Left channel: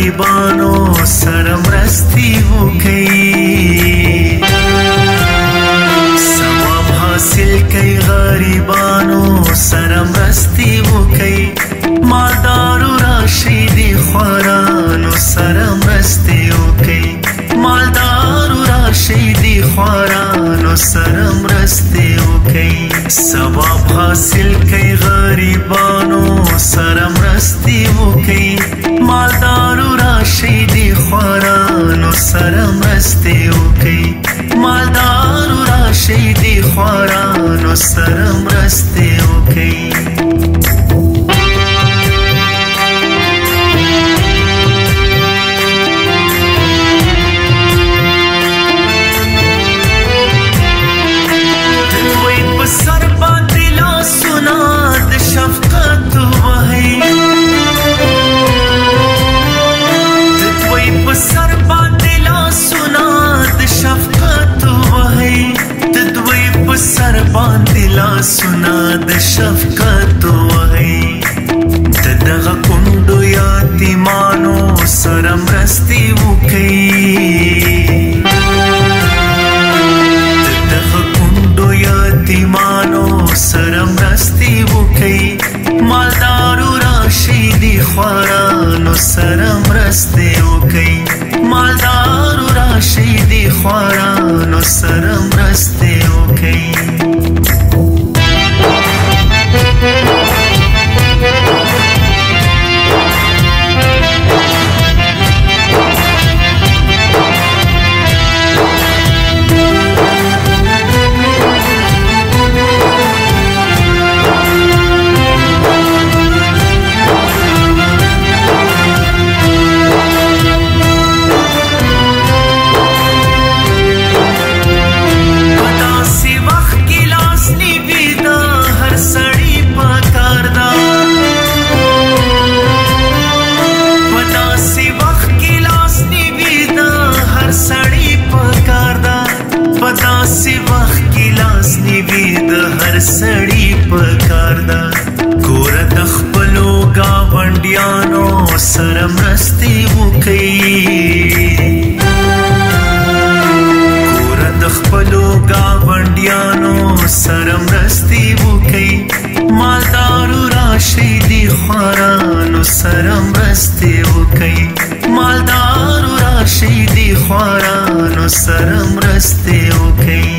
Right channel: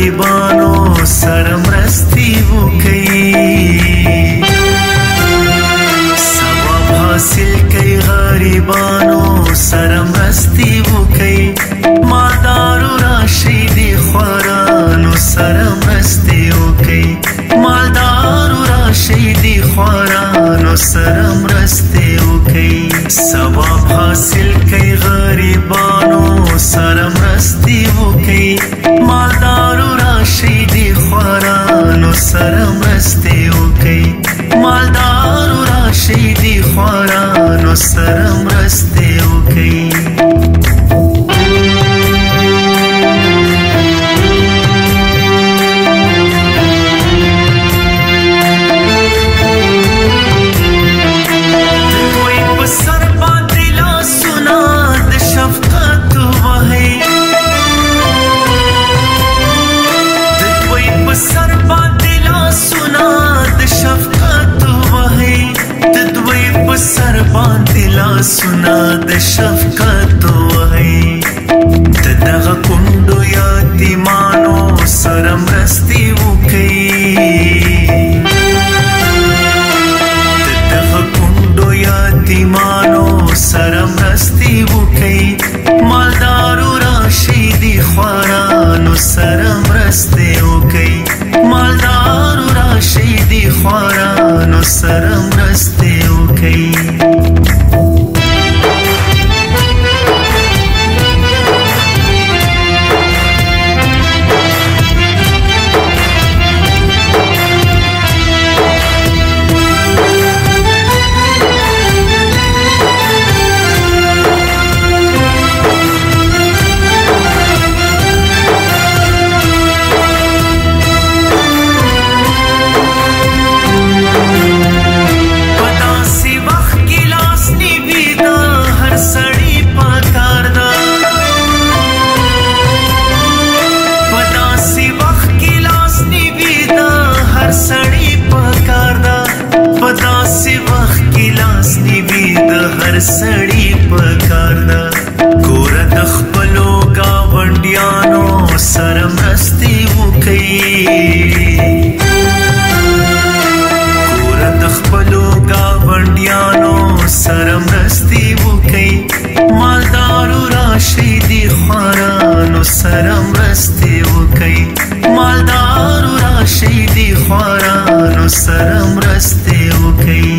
غریبانو سره مرستې وکړي ثواب حاصل کړي غریبانو سره مرستې وکړي مالدارو راشي د خوارانو سره مرستې وکړي مالدارو راشي د خوارانو سره مرستې وکړي ثواب حاصل کړي غریبانو سره مرستې وکړي مالدارو راشي د خوارانو سره مرستې وکړي مالدارو راشي د خوارانو سره مرستې وکړي سر باندې لاسونه د شفقت وهي د دوی په سر باندې لاسونه د شفقت وهي د دوی په سر باندې لاسونه د شفقت وهي د دغه کونډو یتیمانو سره مرستې وکړي دغه کونډو یتیمانو سره مرستې وکړي مالدارو راشي د خوارانو سره مرستې وکړي مالدارو راشي د خوارانو سره مرستې وکړي سړی پکار دا پداسې وخت کې لاس نیوي د هر سړی پکار دا ګوره د خپلو ګاونډیانو سره مرستې وکړي ګوره د خپلو ګاونډیانو سره مرستې وکړي مالدارو راشي د خوارانو سره مرستې وکړي مالدارو راشي د خوارانو سره مرستې وکړي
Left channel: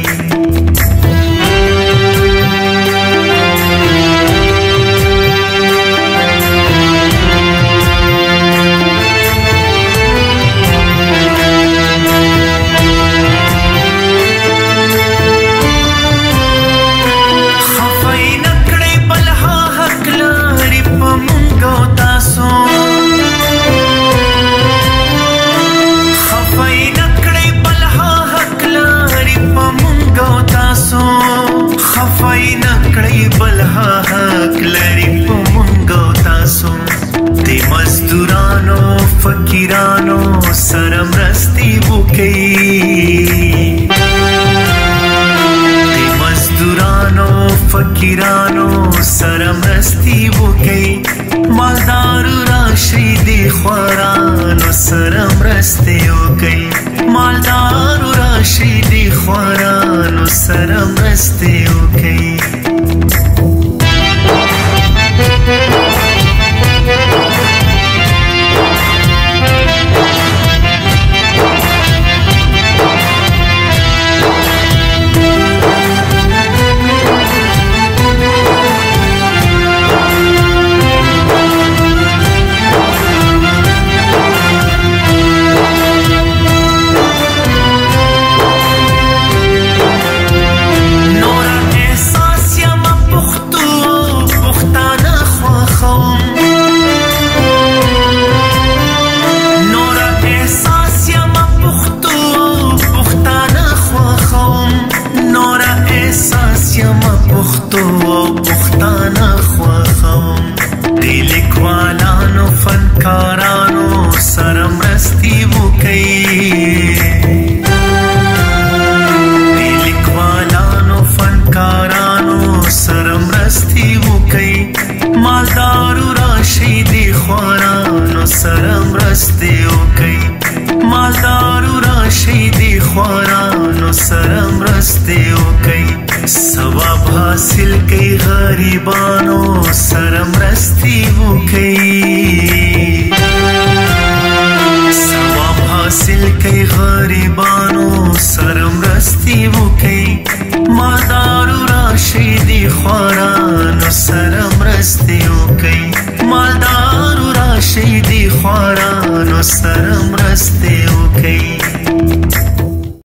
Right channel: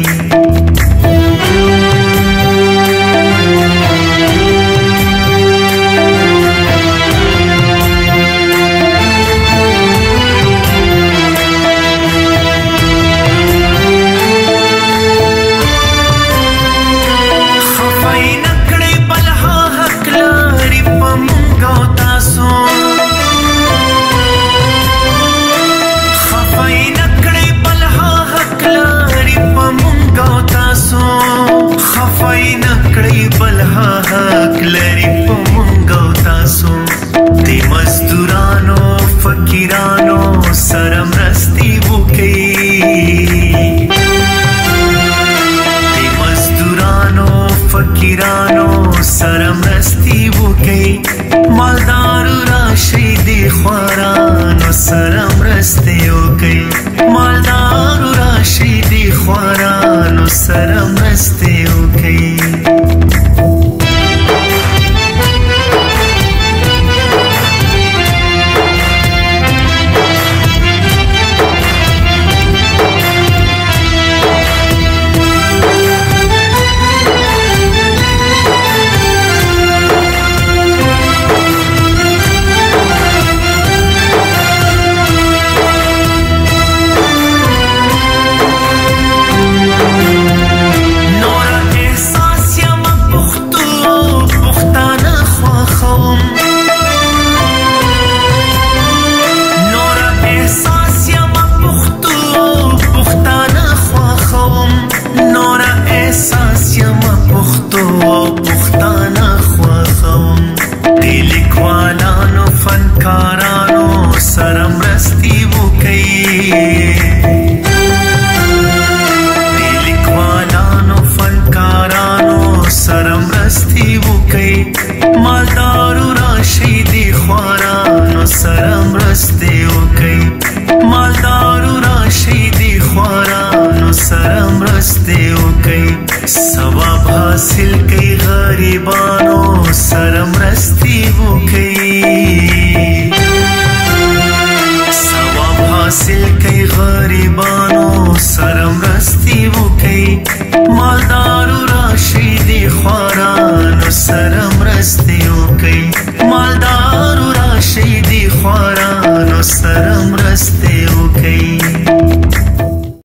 خفای نکړې بلها حق لري په مونږ او تاسو خفای نکړې بلها حق لري په مونږ او تاسو خفای نکړې بلها حق لري په مونږ او تاسو د مزدورانو فقیرانو سره مرستې وکړي مزدورانو فقیرانو سره مرستې وکړي مالدارو راشي د خوارانو سره مرستې وکړي مالدارو راشي د خوارانو سره مرستې وکړي پښتو او پښتانه خوښوم د لیکوالانو فنکارانو سره مرستې وکړي د لیکوالانو فنکارانو سره مرستې وکړي مالدارو راشي د خوارانو سره مرستې وکي ثواب حاصل کوي غریبانو سره مرستې وکي ثواب حاصل کوي غریبانو سره مرستې وکي مالدارو راشي دي خوارانو سره مرستې وکي مالدارو راشي دي خوارانو سره مرستې وکي